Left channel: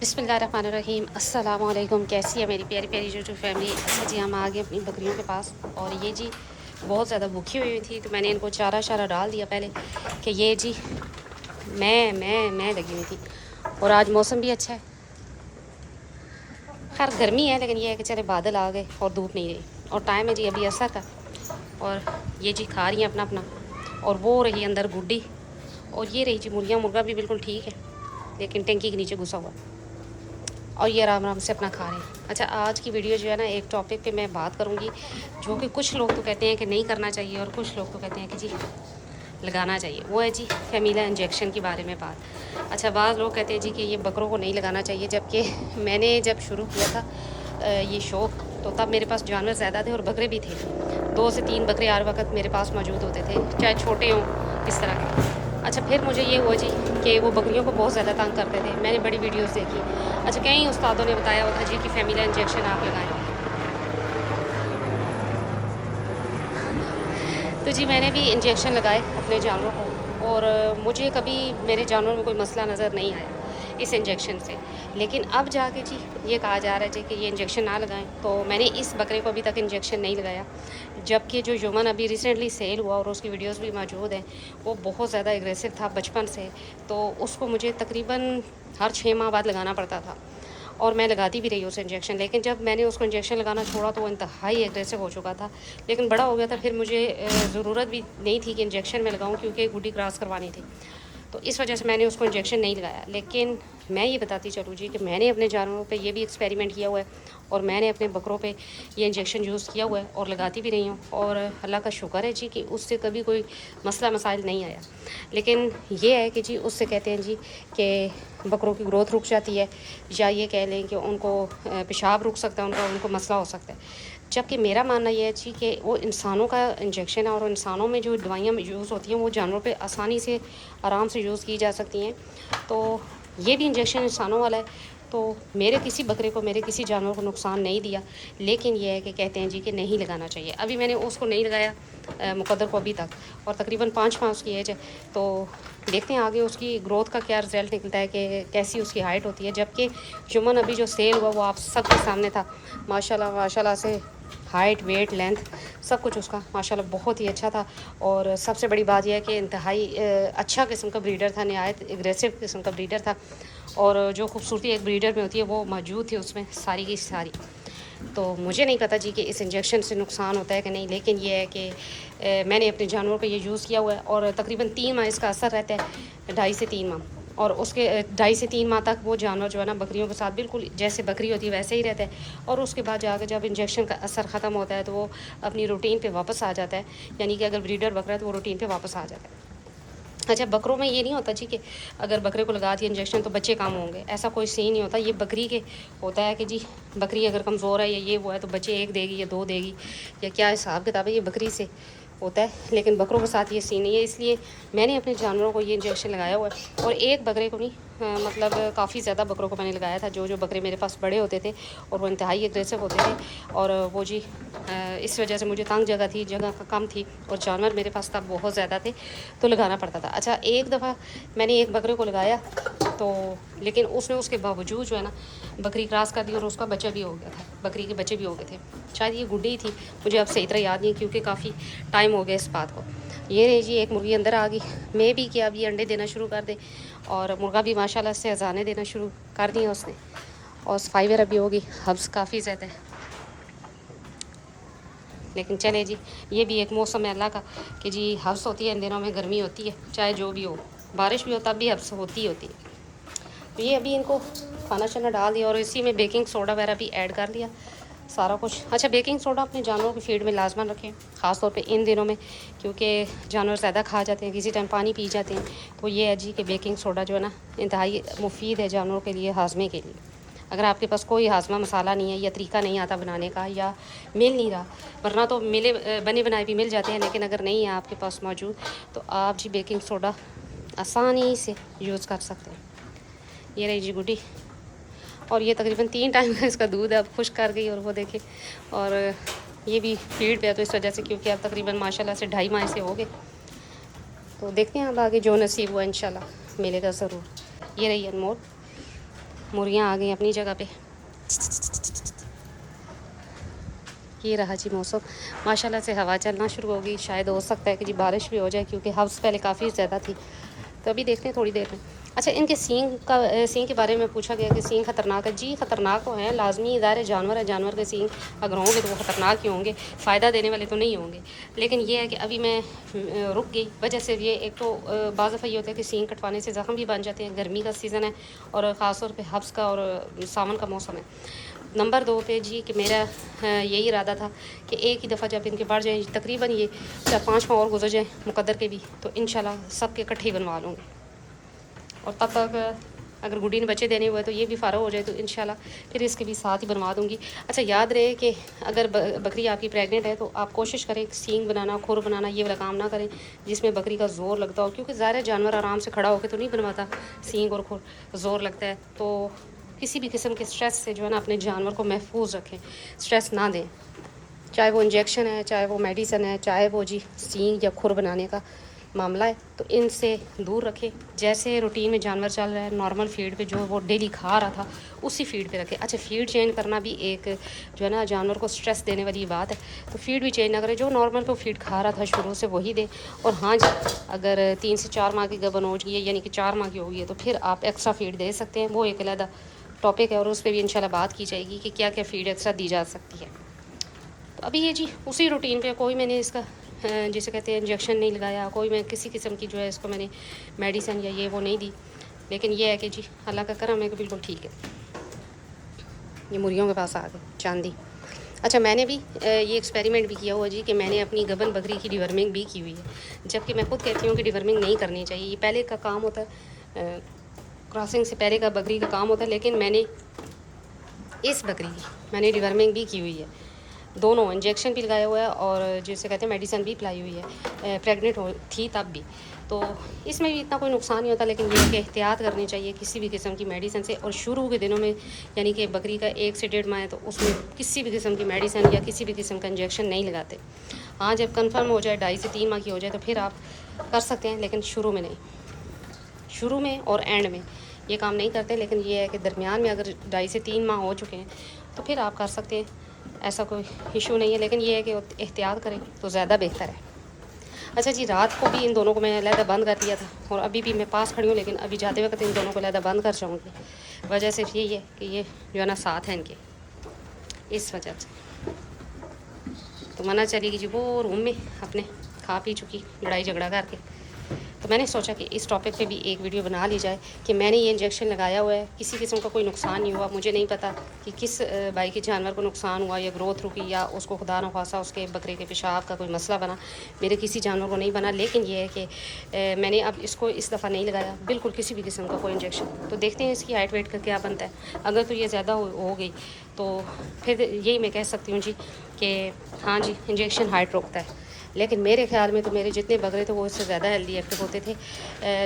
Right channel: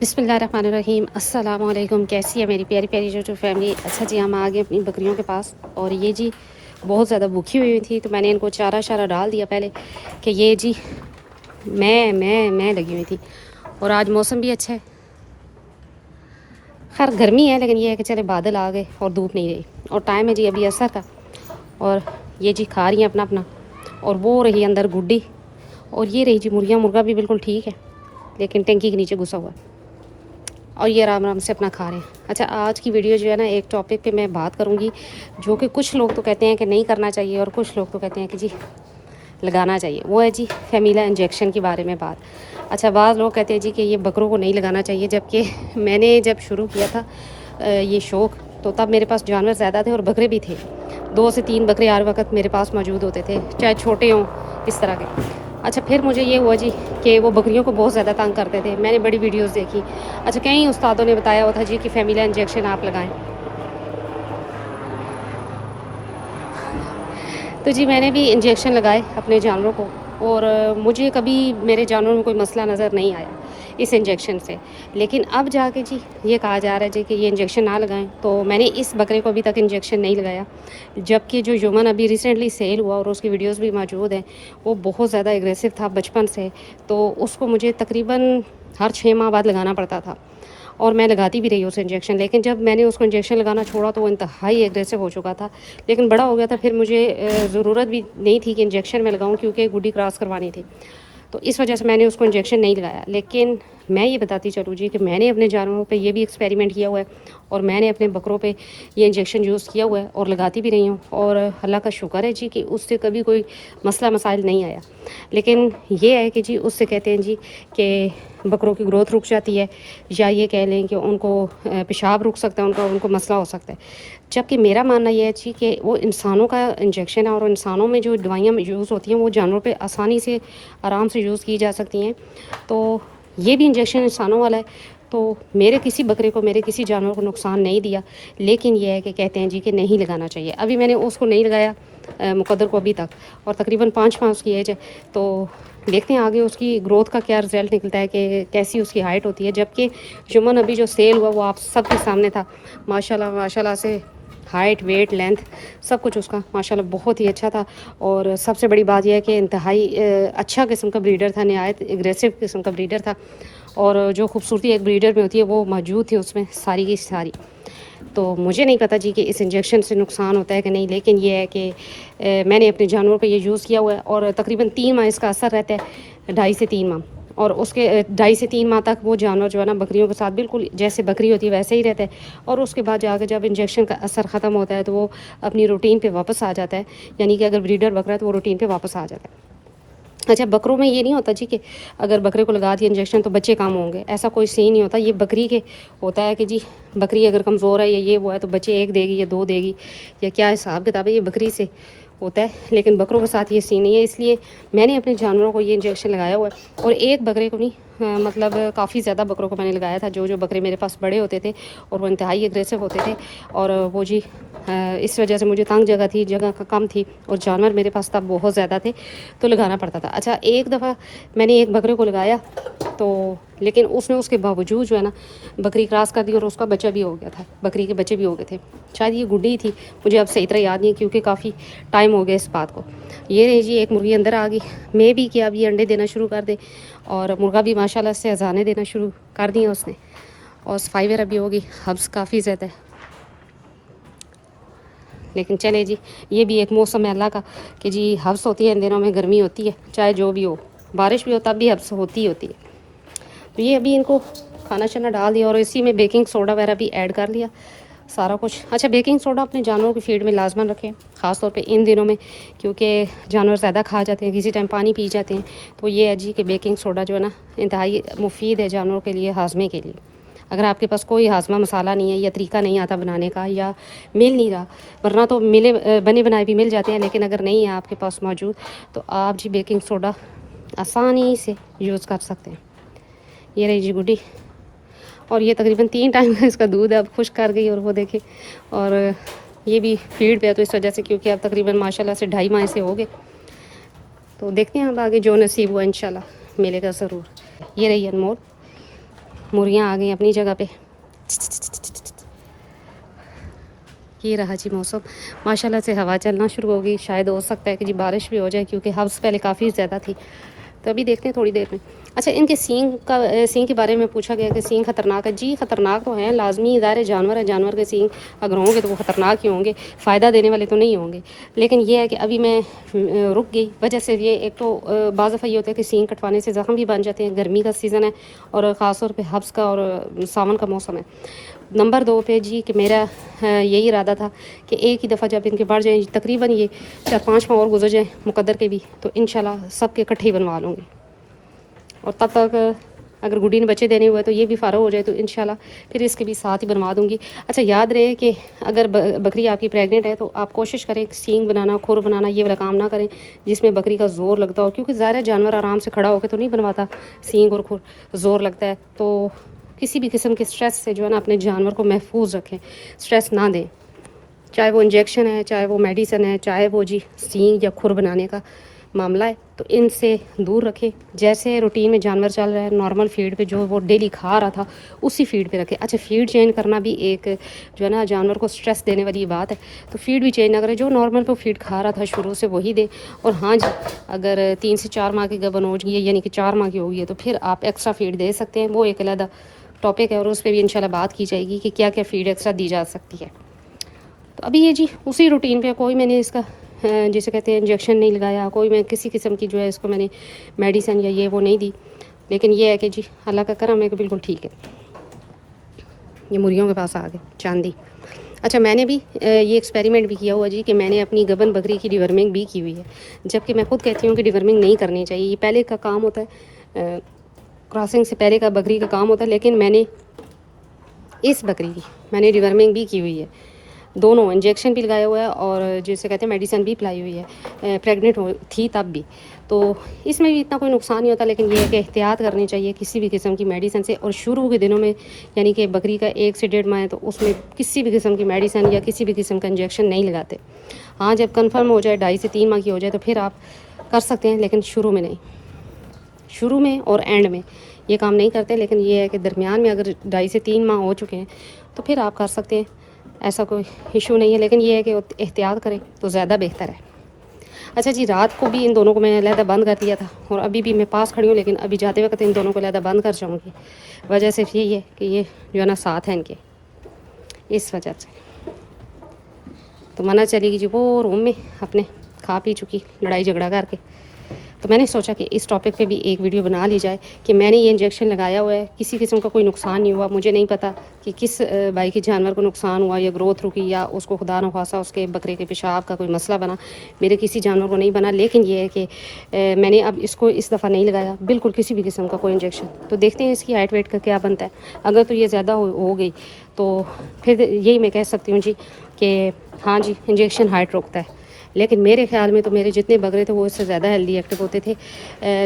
बिस्मिल्लाहिर्रहमानिर्रहीम। अस्सलाम वालेकुम। कैसी है मेरी प्यारी प्यारी जो फैमिली। अच्छा जी, हम आ गए अपनी बकरियों के पास और ये जी बहुत ज़्यादा भूखी हुई थी तो मैंने इनको चारा शारा डाल दिया पहले कि ये जी मैं लगी हुई थी। और आज मौसम भी अच्छा है, खैर गर्मी है लेकिन ये है कि चले बादल आ गए और धूप नहीं रही और टाइम है जी अभी असर का। और ये जी खा रही हैं अपना अपना। और वो रही अंदर गुड्डी और ये रही जी मुर्गियाँ। मुर्गा भी बिल्कुल ठीक है लेकिन टंकी के नीचे घुसा हुआ और ये आराम आराम से अपना खा रहे हैं। अच्छा, आज की वीडियो जो है ना, एक टॉपिक पे मैं बात करूँगी जो कि कुछ लोग तो कहते हैं कि नहीं करना चाहिए और कुछ लोग तो कहते हैं कि जी लगाना चाहिए। वो है जी फैमिला इंजेक्शन के बारे में बात। अच्छा, बाज़ लोग कहते हैं जी कि ये बकरों को नहीं लगाना चाहिए, जबकि मैंने जब शुरू किया था ये शौक़ तो तब मेरे पास जानवर ज़्यादा थे और बकरे भी थे। 2 से 3 बकरे हर वक्त मेरे पास मौजूद होते थे, चाहे छोटे हों इस तरह के। अच्छा, फिर मुझे ये हुआ जी कि वो बकरियों को बहुत ज़्यादा तंग करते थे। मैंने बड़ी वीडियोस देखी। अच्छा, कई उस्तादों ने बताया हुआ था जी कि फैमिला इंजेक्शन आप लगाएं। तो जी मैंने भी इंजेक्शन लगाए अपने जानवरों को और मुझे कभी मेरे जानवरों में कोई मसला नज़र नहीं आया इस इंजेक्शन से। लेकिन अब जाके जी ये कहा जा रहा है जी कि ये इंजेक्शन ना लगाएं, तो मैंने इस बकरे को अभी तक इंजेक्शन नहीं लगाया। जबकि जो यमन अभी रिसेंटली सेल हुआ और उसकी वीडियोस भी मौजूद हैं, वो बहुत ज़्यादा एग्रेसिव था बचपन से, तो उसको मुझे तकरीबन हर 6 माह बाद लगाना पड़ता था और मैं लगाती भी रही उस इंजेक्शन। लेकिन जब मैंने उसको इंजेक्शन लगाना छोड़ा तो वो इंतहाई एग्रेसिव हो चुका था। लेकिन बड़ा हो गया था, फिर मुझे ज़रूरत भी नहीं थी कि इंजेक्शन में लगाऊं क्योंकि गुड्डी क्रॉस करवानी थी, तो इस वजह से मैंने उसको इंजेक्शन नहीं लगाया। लेकिन मैं ये बताती चलूँ जी कि मैंने अपने जानवरों पे ये भी एक्सपेरिमेंट किया हुआ है और मैंने अपने बकरों पे ये इंजेक्शन यूज़ किया हुआ है और लगाती भी रही हूँ और अल्लाह का शुक्र है जी कि उससे कभी कोई मसला मसाइल नहीं आया। लेकिन ये है कि जी उससे कहते हैं जी कि बकरों की ग्रोथ रुक जाती है, या ये कह लें कि उनको पेशाब रुक सकता है, उनको मसला हो सकता है। जबकि मेरा मानना ये है जी कि वो इंसानों का इंजेक्शन है और इंसानों में जो दवाइयाँ यूज़ होती हैं वो जानवरों पे आसानी से आराम से यूज़ की जा सकती हैं। तो ये भी इंजेक्शन इंसानों वाला है, तो मेरे किसी बकरे को, मेरे किसी जानवर को नुकसान नहीं दिया। लेकिन ये है कि कहते हैं जी कि नहीं लगाना चाहिए। अभी मैंने उसको नहीं लगाया मुकद्दर को अभी तक, और तकरीबन 5 माह उसकी एज है, तो देखते हैं आगे उसकी ग्रोथ का क्या रिज़ल्ट निकलता है कि कैसी उसकी हाइट होती है। जबकि जुम्मन अभी जो सेल हुआ वो आप सबके सामने था, माशाल्लाह माशाल्लाह से हाइट, वेट, लेंथ सब कुछ उसका माशाल्लाह बहुत ही अच्छा था। और सबसे बड़ी बात यह है कि इंतहाई अच्छा किस्म का ब्रीडर था, नहायत एग्रेसिव किस्म का ब्रीडर था और जो खूबसूरती एक ब्रीडर में होती है वो मौजूद थी उसमें सारी की सारी। तो मुझे नहीं पता जी कि इस इंजेक्शन से नुकसान होता है कि नहीं, लेकिन ये है कि मैंने अपने जानवरों पे ये यूज़ किया हुआ है और तकरीबन 3 माह इसका असर रहता है, 2.5 से 3 माह। और उसके 2.5 से 3 माह तक वो जानवर जो है ना बकरियों के साथ बिल्कुल जैसे बकरी होती है वैसे ही रहता है। और उसके बाद जाके जब इंजेक्शन का असर ख़त्म होता है तो वो अपनी रूटीन पे वापस आ जाता है, यानी कि अगर ब्रीडर बकरा है तो वो रूटीन पे वापस आ जाता है। अच्छा, बकरों में ये नहीं होता जी कि अगर बकरे को लगा दिया इंजेक्शन तो बच्चे कम होंगे, ऐसा कोई सीन नहीं होता। ये बकरी के होता है कि जी बकरी अगर कमज़ोर है या ये वो है तो बच्चे 1 देगी या 2 देगी, या क्या हिसाब किताब है, ये बकरी से होता है। लेकिन बकरों के साथ ये सीन नहीं है, इसलिए मैंने अपने जानवरों को ये इंजेक्शन लगाया हुआ है। और एक बकरे को नहीं, मतलब काफ़ी ज़्यादा बकरों को मैंने लगाया था। जो बकरे मेरे पास बड़े होते थे और वो इंतहाई एग्रेसिव होते थे, और वो जी इस वजह से मुझे तंग जगह कम थी और जानवर मेरे पास तब बहुत ज़्यादा थे तो लगाना पड़ता था। अच्छा, एक दफ़ा मैंने एक बकरे को लगाया तो, लेकिन उसने उसके बावजूद जो है ना बकरी क्रॉस कर दी और उसका बच्चा भी हो गया था, बकरी के बच्चे भी हो गए थे। शायद ये गुड्डी थी, मुझे अब सही तरह याद नहीं क्योंकि काफ़ी टाइम हो गया इस बात को। ये रही जी एक मुर्गी अंदर आ गई। मैं भी कि अब ये अंडे देना शुरू कर दे, और मुर्गा भी माशाल्लाह से अजाने देना शुरू कर दिए उसने, और सफाई वगैरह भी होगी। हब्स काफ़ी ज़्यादा, लेकिन चले जी ये भी एक मौसम है अल्लाह का कि जी हब्स होती है इन दिनों में, गर्मी होती है चाहे जो भी हो, बारिश भी हो तब भी हब्स होती ही होती है। तो ये अभी इनको खाना शाना डाल दिया और इसी में बेकिंग सोडा वगैरह भी ऐड कर लिया सारा कुछ। अच्छा, बेकिंग सोडा अपने जानवरों की फीड में लाजमन रखें, ख़ासतौर पे इन दिनों में क्योंकि जानवर ज़्यादा खा जाते हैं, किसी टाइम पानी पी जाते हैं। तो ये है जी कि बेकिंग सोडा जो है ना इंतहाई मुफीद है जानवरों के लिए, हाजमे के लिए। अगर आपके पास कोई हाजमा मसाला नहीं है या तरीका नहीं आता बनाने का या मिल नहीं रहा, वरना तो बने बनाए भी मिल जाते हैं, लेकिन अगर नहीं है आपके पास मौजूद तो आप जी बेकिंग सोडा आसानी से यूज़ कर सकते हैं। ये रही जी गुड्डी, और ये तकरीबन 3 टाइम इसका दूध अब खुश कर गई, और वो देखे। और ये भी फीड पे है तो इस वजह से, क्योंकि अब तकरीबन माशाल्लाह से 2.5 माह से हो गए। तो देखते हैं अब आगे जो नसीब हुआ इंशाल्लाह मिलेगा ज़रूर। ये रही अनमोल, मुर्गियाँ आ गई अपनी जगह पे। ये रहा जी मौसम, माशाल्लाह से हवा चलना शुरू हो गई। शायद हो सकता है कि जी बारिश भी हो जाए, क्योंकि हव्स पहले काफ़ी ज़्यादा थी। तो अभी देखते हैं थोड़ी देर में। अच्छा, इनके सींग के बारे में पूछा गया कि सींग ख़तरनाक है। जी ख़तरनाक तो है, लाजमी ज़ाहिर जानवर है, जानवर के सींग अगर होंगे तो वो ख़तरनाक ही होंगे, फ़ायदा देने वाले तो नहीं होंगे। लेकिन ये है कि अभी मैं रुक गई, वजह से ये एक तो बाज़ दफ़ा ये होता है कि सींग कटवाने से ज़ख्म भी बन जाते हैं। गर्मी का सीज़न है और ख़ास तौर पर हब्स का और सावन का मौसम है। नंबर 2 पे जी कि मेरा यही इरादा था कि एक ही दफ़ा जब इनके बढ़ जाए, तकरीबन ये 4-5 माह और गुजर जाए मुकद्दर के भी, तो इंशाल्लाह सब के इकट्ठे ही बनवा लूँगी। और तब तक अगर गुड्डी ने बच्चे देने हुए तो ये भी फ़ारग हो जाए तो इंशाल्लाह फिर इसके भी साथ ही बनवा दूँगी। अच्छा, याद रहे कि अगर बकरी आपकी प्रेग्नेंट है तो आप कोशिश करें सींग बनाना, खुर बनाना ये वाला काम ना करें जिसमें बकरी का ज़ोर लगता हो, क्योंकि ज़ाहिर जानवर आराम से खड़ा होकर तो नहीं बनवाता, सींग और खुर ज़ोर लगता है। तो किसी भी किस्म के स्ट्रेस से जो है ना अपने जानवर को महफूज रखें, स्ट्रेस ना दें, चाहे वो इंजेक्शन है, चाहे वो मेडिसिन है, चाहे वो जी सींग या खुर बनाने का मामला है, तो इनसे दूर रखें। जैसे रूटीन में जानवर चल रहा है, नॉर्मल फीड पे जो वो डेली खा रहा था उसी फीड पे रखें। अच्छा, फीड चेंज करना भी एक जो है ना जानवर को स्ट्रेस देने वाली बात है, तो फीड भी चेंज ना करें, जो नॉर्मल को फीड खा रहा था शुरू से वही दे। और हाँ जी, अगर 3 से 4 माह की गबन हो गई है, यानी कि 4 माह की होगी है, तो फिर आप एक्स्ट्रा फीड दे सकते हैं। वो एक अलग टॉपिक है और उस पर भी इंशाल्लाह बात की जाएगी कि क्या क्या फीड एक्स्ट्रा दी जा सकती है। तो अभी ये जी उसी रूटीन पे, कोई मैंने इसका जिसे कहते हैं इंजेक्शन नहीं लगाया, कोई मैं किसी किस्म की जो है इसको मैंने मेडिसिन या ये वो नहीं दी। लेकिन ये है कि जी अल्लाह का करम है कि बिल्कुल ठीक है। ये मुर्गियों के पास आ गए चांदी। अच्छा, मैंने भी ये एक्सपेरिमेंट भी किया हुआ जी कि मैंने अपनी गबन बकरी की डिवर्मिंग भी की हुई है, जबकि मैं खुद कहती हूँ कि डिवर्मिंग नहीं करनी चाहिए, ये पहले का काम होता है, क्रॉसिंग से पहले का बकरी का काम होता है। लेकिन मैंने इस बकरी की मैंने डिवर्मिंग भी की हुई है, दोनों इंजेक्शन भी लगाया हुआ है और जिसे कहते हैं मेडिसिन भी पिलाई हुई है, प्रेग्नेंट थी तब भी। तो इसमें भी इतना कोई नुकसान नहीं होता, लेकिन ये है कि एहतियात करनी चाहिए किसी भी किस्म की मेडिसिन से। और शुरू के दिनों में यानी कि बकरी का 1 से 1.5 माह है तो उसमें किसी भी किस्म की मेडिसिन या किसी भी किस्म का इंजेक्शन नहीं लगाते। हाँ, जब कन्फर्म हो जाए 2.5 से 3 माह की हो जाए तो फिर आप कर सकते हैं, लेकिन शुरू में नहीं। शुरू में और एंड में ये काम नहीं करते, लेकिन ये है कि दरमियान में अगर 2.5 से 3 माह हो चुके हैं तो फिर आप कर सकते हैं, ऐसा कोई इशू नहीं है। लेकिन ये है कि एहतियात करें तो ज़्यादा बेहतर है। अच्छा जी, रात को भी इन दोनों को मैंने अलहदा बंद कर दिया था और अभी भी मैं पास खड़ी हूँ, लेकिन अभी जाते वक्त इन दोनों को अलहदा बंद कर जाऊँगी। वजह सिर्फ यही है कि ये जो है ना साथ हैं इनके, इस वजह से। तो मना चलेगी जी वो रूम में अपने खा पी चुकी लड़ाई झगड़ा करके। तो मैंने सोचा कि इस टॉपिक पे भी एक वीडियो बना ली जाए कि मैंने ये इंजेक्शन लगाया हुआ है, किसी किस्म का कोई नुकसान नहीं हुआ। मुझे नहीं पता कि किस भाई के जानवर को नुकसान हुआ या ग्रोथ रुकी या उसको खुदा न खासा उसके बकरे के पेशाब का कोई मसला बना, मेरे किसी जानवर को नहीं बना। लेकिन ये है कि मैंने अब इसको इस दफ़ा नहीं लगाया बिल्कुल किसी भी किस्म का कोई इंजेक्शन। तो देखते हैं इसकी हाइट वेट का क्या बनता है। अगर तो ये ज़्यादा हो गई तो फिर यही मैं कह सकती हूँ जी कि हाँ जी इंजेक्शन हाइट रोकता है। लेकिन मेरे ख्याल में तो मेरे जितने बकरे थे वो उससे ज़्यादा हेल्दी एक्टिव होते थे।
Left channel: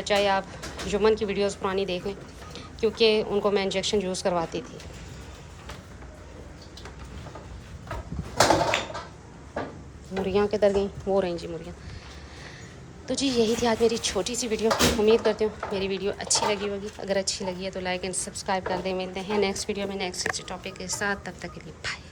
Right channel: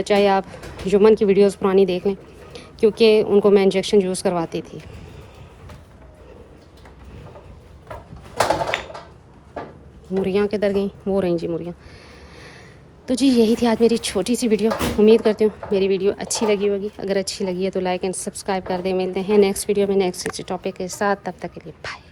चाहे आप जुम्मन की वीडियोस पुरानी देख लें, क्योंकि उनको मैं इंजेक्शन यूज़ करवाती थी। मुर्गियाँ किधर गई? वो रही जी मुर्गियाँ। तो जी यही थी आज मेरी छोटी सी वीडियो। उम्मीद करती हूँ मेरी वीडियो अच्छी लगी होगी। अगर अच्छी लगी है तो लाइक एंड सब्सक्राइब कर दें। मिलते हैं नेक्स्ट वीडियो में नेक्स्ट टॉपिक के साथ, तब तक के लिए बाय।